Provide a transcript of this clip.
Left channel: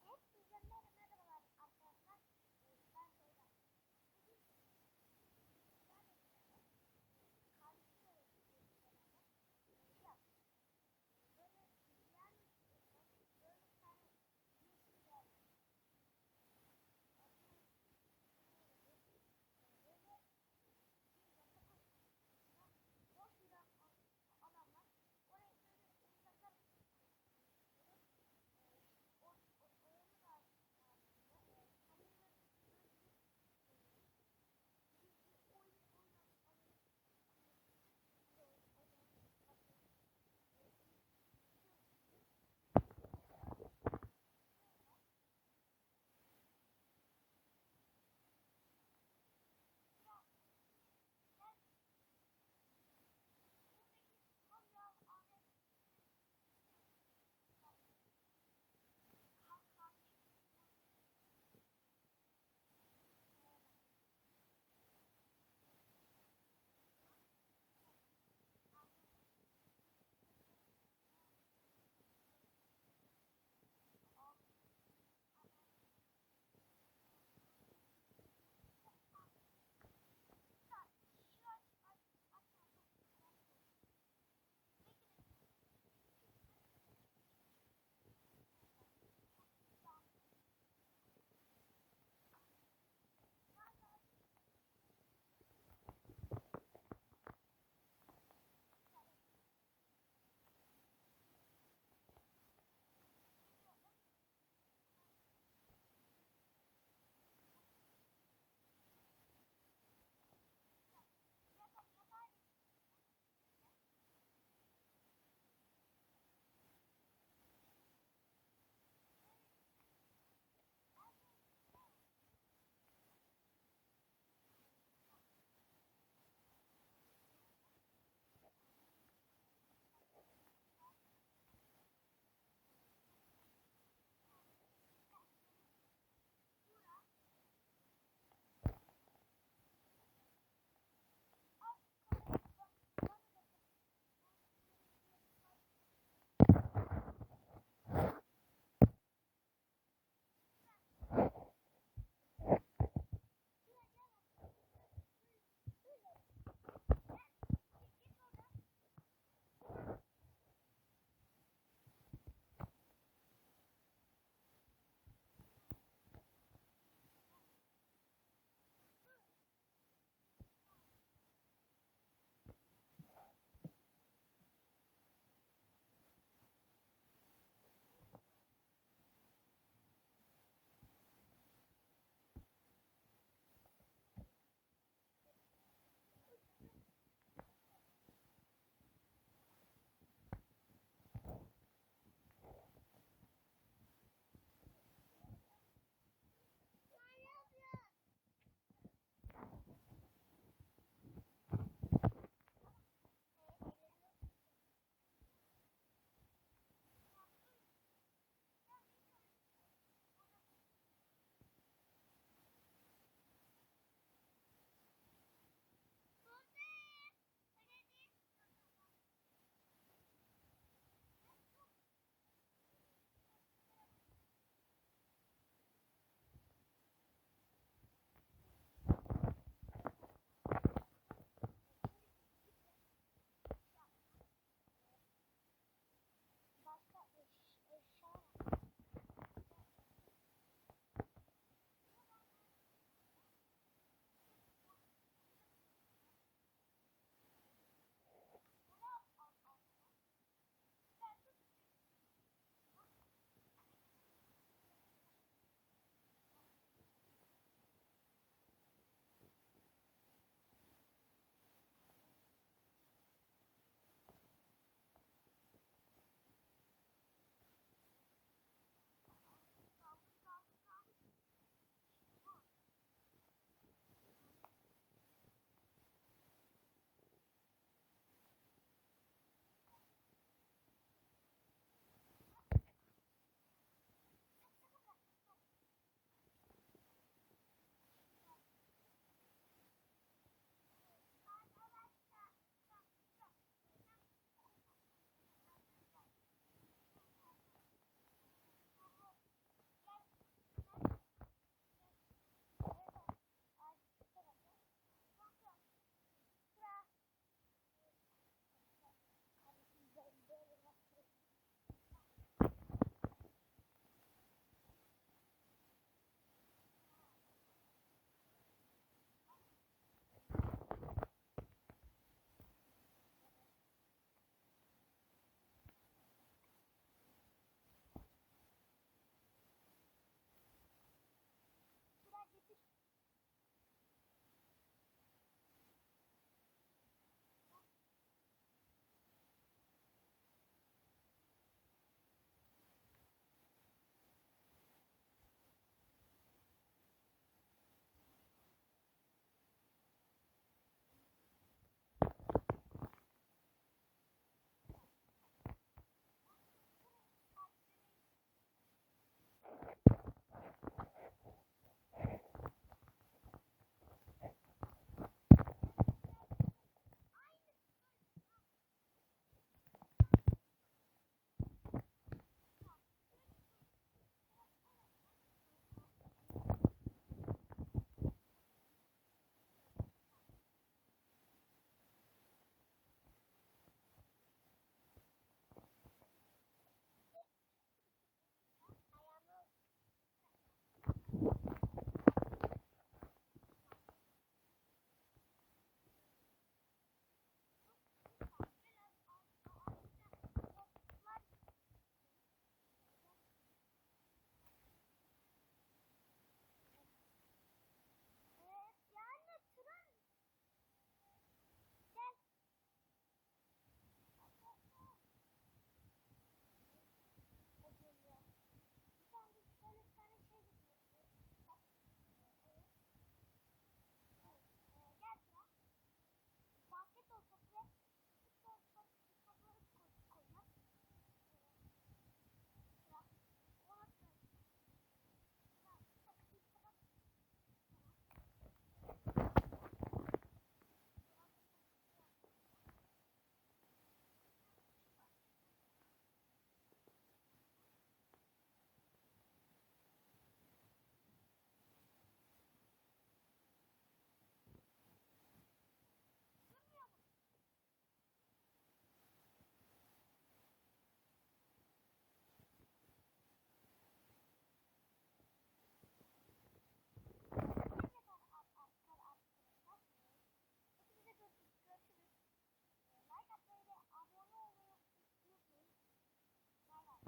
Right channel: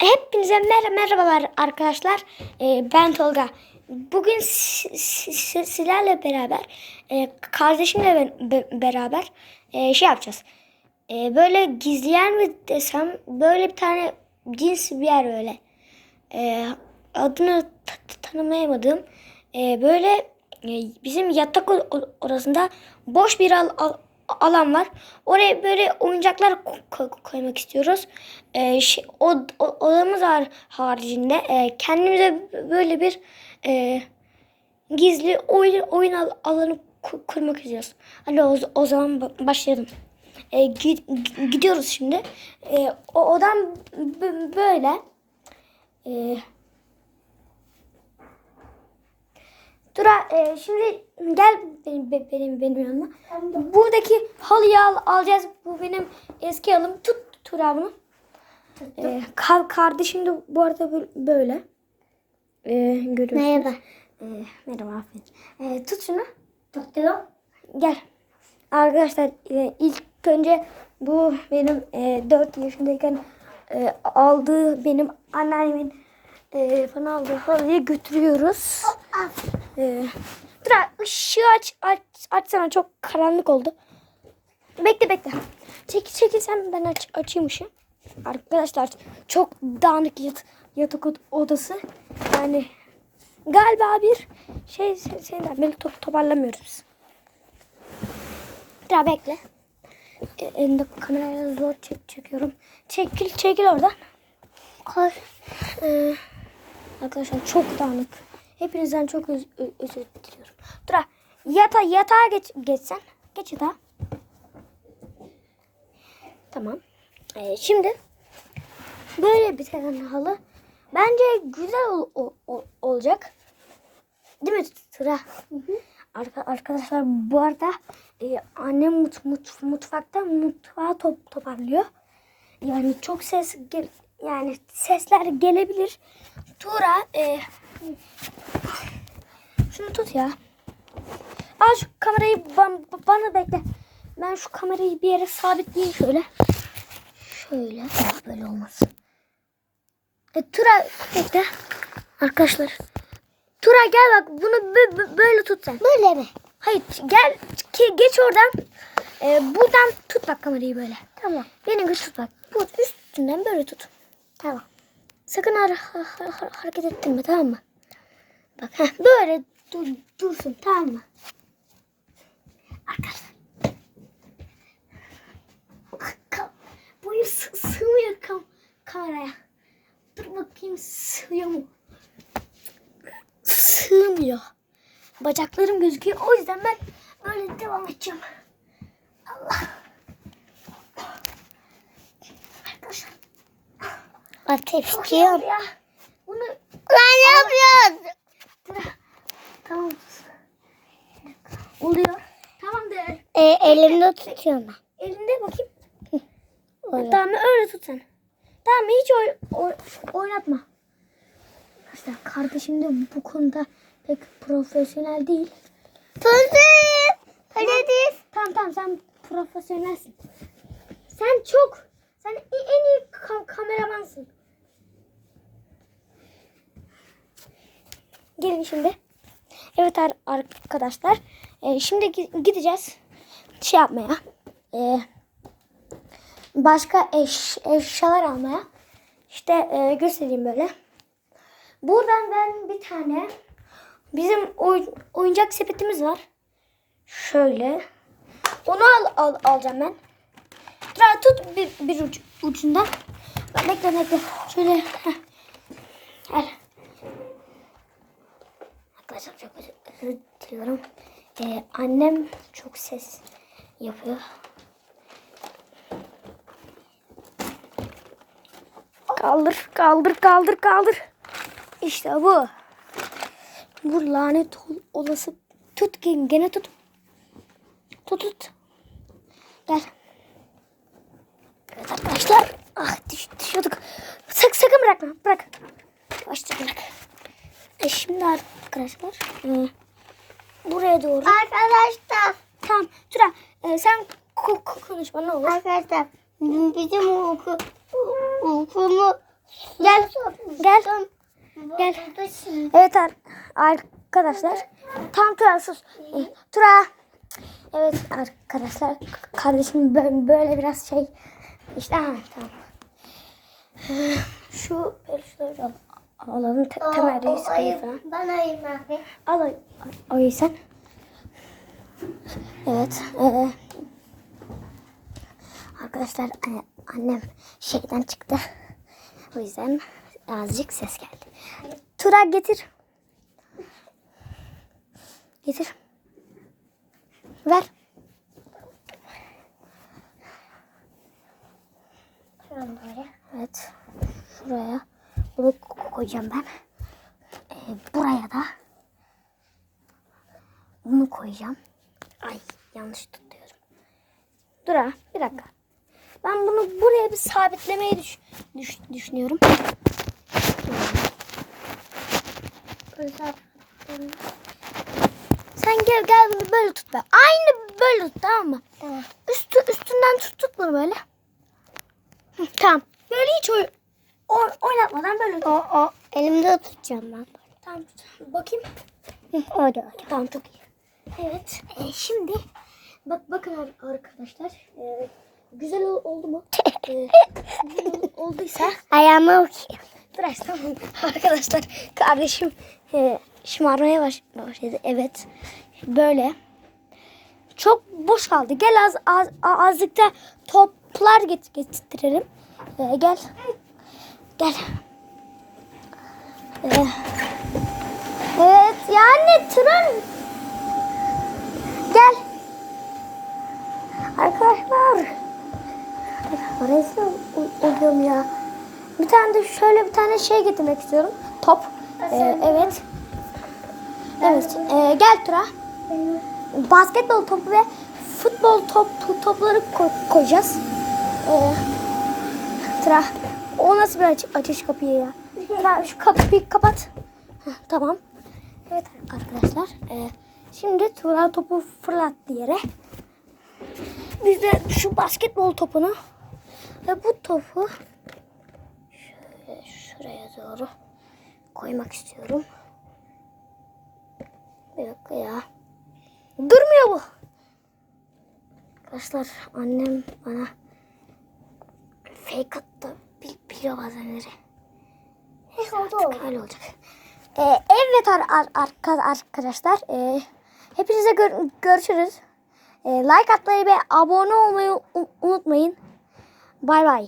Hepinize mer merhabalar arkadaşlar. Ee, ben Tolga. Bugün si- si- si- sizlerle beraber, e, kardeşimle be- be- beraber e, şey yapacağız. E, böyle gizleyen mi desem, böyle bir tane cins bir yer böyle. E, adını ta- ta- tanımayamadığım e, böyle e, bizim yatak odasında boş bir al- al- alan var. Oraya böyle oyuncaklar ko- ko- koymak istiyoruz. E, şey, o, o- odamız haricinde e, kendimize böyle bir e, gizli oyun oyun al- alanı ku- kurmak istiyoruz. Hadi o, o zaman ba- başlayalım. E, gi- gi- gidiyoruz şimdi. E, o odam böyle. E, Tura e, şimdi gel benim be- benim benim yanıma. Buradaki halıyı al, alacağız. Bu benim eski halım. Tut Tura bunu. E, ka- kardeşim de bu arada bö- böyle. E, görüyorsunuz. Merhaba. E, merhaba aferin. E, tut şunu. Tuttum. Gel. Arkadaşlar e, ilk önce bu benim e, 4 yaşındayken e, aldığı benim anneannemin e, bana aldığı halıyı götürüyoruz. E, dur ışığı aç, aç, açsana çok karanlık oldu. Bekle bekle. Çekil çekil sen ben aç, açayım ışığı. Arkadaşlar çok dağınık yat, yatak od- odası. Yani galiba bir şey şeyden beni top, toparlamıyoruz. Daha bekle. E, elinde kamerayla zor çek, çekiyorum. Çekil çekil oradan. Koy. Ee, arkadaşlar çok dağınık. Hepinizden çok öz, özür diliyorum. Dur yata, yatağa geç, geçsen. Geç yatağa. Tamam. Ee, şimdi böyle bir tane halı. Bence güzel ol, ol- ol- olacak. Değil mi Tura? Arka, arkadaşlar bu arada e, annem mut, mut, mutfakta mutfağı top, toparlıyor. Yani çok ses gel, yani sesler gelebilir. Tura e, şunu tut ya. Al şu kamerayı ban- bana bekle. Ben şu kamerayı bir yere sabitleyeyim şöyle. Şöyle. Böyle olmaz. E, Tura bekle. Arkadaşlar. Tura gel bak bunu bö- bö- böyle tut sen. Böyle mi? Hayır gel ki geç oradan. Ee, buradan tut bak kamerayı böyle. Tamam. Beni güç tut bak. Bu üstünden böyle tut. Tamam. Sakın har- har- har- hareket ettirme tamam mı? Bak heh, böyle dur, dursun tamam mı? Arkadaşlar. Ka- Boyu sı- sığmıyor kam kameraya. Dur bakayım sığıyor mu? Sığmıyor. Bacaklarım gözüküyor. O yüzden ben böyle devam edeceğim. Allah. Arkadaşlar. Ateş ya. Bunu Lan ne yapıyorsun? Tamam. Oluyor. Tamam de. E, elimde tutuyorum ben. Elinde bakayım. Öyle. Tamam öyle tut sen. Tamam hiç oy, oy- oynatma. İşte kardeşim de bu konuda pek profesyonel değil. Tutuyorum. Öyle değil. Tamam tamam sen profesyonelsin. Sen çok sen en iyi ka- kameramansın. Gelin şimdi. Evet ar- arkadaşlar. e, şimdi gi- gideceğiz şey yapmaya. E, başka eş, eşyalar almaya. İşte e, göstereyim böyle. Buradan ben bir tane bizim oy- oyuncak sepetimiz var. Şöyle. Onu al, al alacağım ben. Dur tut bir, bir uç, ucundan. Bekle bekle. Şöyle. heh. Gel. Arkadaşlar çok özür, özür diliyorum. Ee, annem çok ses yapıyor. Kaldır, kaldır, kaldır, kaldır. İşte bu. Bu lanet ol- olası. Tut gene, tut. Tut tut. Gel. Evet arkadaşlar. Ah düş, düşüyorduk. Sak, sakın bırakma. Bırak. Yavaşça bırak. E şimdi arkadaşlar. e, buraya doğru. Arkadaşlar. Tamam. Tura e, sen ko- ko- konuşma ne olur. Arkadaşlar. Bizim oku, okulu Gel. Gel. Gel. Evet ar- arkadaşlar. Tam Tura sus. Ee, Tura. Evet arkadaşlar. Kardeşim böyle, böyle biraz şey. İşte ha, tamam. Şu şöyle al- alalım. Te- temel reis falan. Ben ayım abi. Al o, o yüzden. Evet. ee, arkadaşlar e, annem şeyden çıktı. O yüzden azıcık ses geldi. Tura getir. Getir. Ver. Evet. Şuraya bunu ko- koyacağım ben. Ee, buraya da bunu koyacağım. Yanlış tutuyorum. Dur ha bir dakika. Ben bunu buraya bir sabitlemeyi düş, düş- düşünüyorum. Sen gel gel bunu böyle tut be. Aynı böyle tut tamam mı? Tamam. Üstü, üstünden tut tut bunu böyle. Hı, tamam. Böyle hiç oy, oy- oynatmadan böyle tut. O, o. Elimde tutacağım ben. Tamam. Bakayım. Hı, Orada. Tamam çok iyi. Evet. e, şimdi bak bakın ar- arkadaşlar. E, güzel ol- oldu mu? E, güzel olduysa Ayağıma bakayım. tamam. Arkadaşlar kardeşim e, şımarmaya baş- başladı. Evet. Böyle. Çok boş kaldı. Gel az, az a- azıcık da toplar get getirelim. E, gel. Gel. E, evet yani tren Gel. Arkadaşlar. Ol- oluyorum ya. Bir tane de şöyle bir tane şey getirmek istiyorum. Top. Ee, evet. Evet. ee, gel Tura. Basketbol topu ve futbol topu topları ko- koyacağız. Ee, Tura. O nasıl bir aç, açış kapıyı ya? Tura şu kapıyı kapat. Heh, tamam. Evet arkadaşlar. ee, şimdi Tura topu fırlattı yere. Biz de şu basketbol topunu ve bu topu şöyle şuraya doğru koymak istiyorum. Bir dakika ya. Durmuyor bu. Arkadaşlar annem bana fake attı. Bil, biliyor bazenleri. Neyse artık öyle olacak. Ee, evet ar, ar, arka- arkadaşlar. Ee, hepinize gör- görüşürüz. Ee, like atmayı ve abone olmayı unutmayın. Bay bay.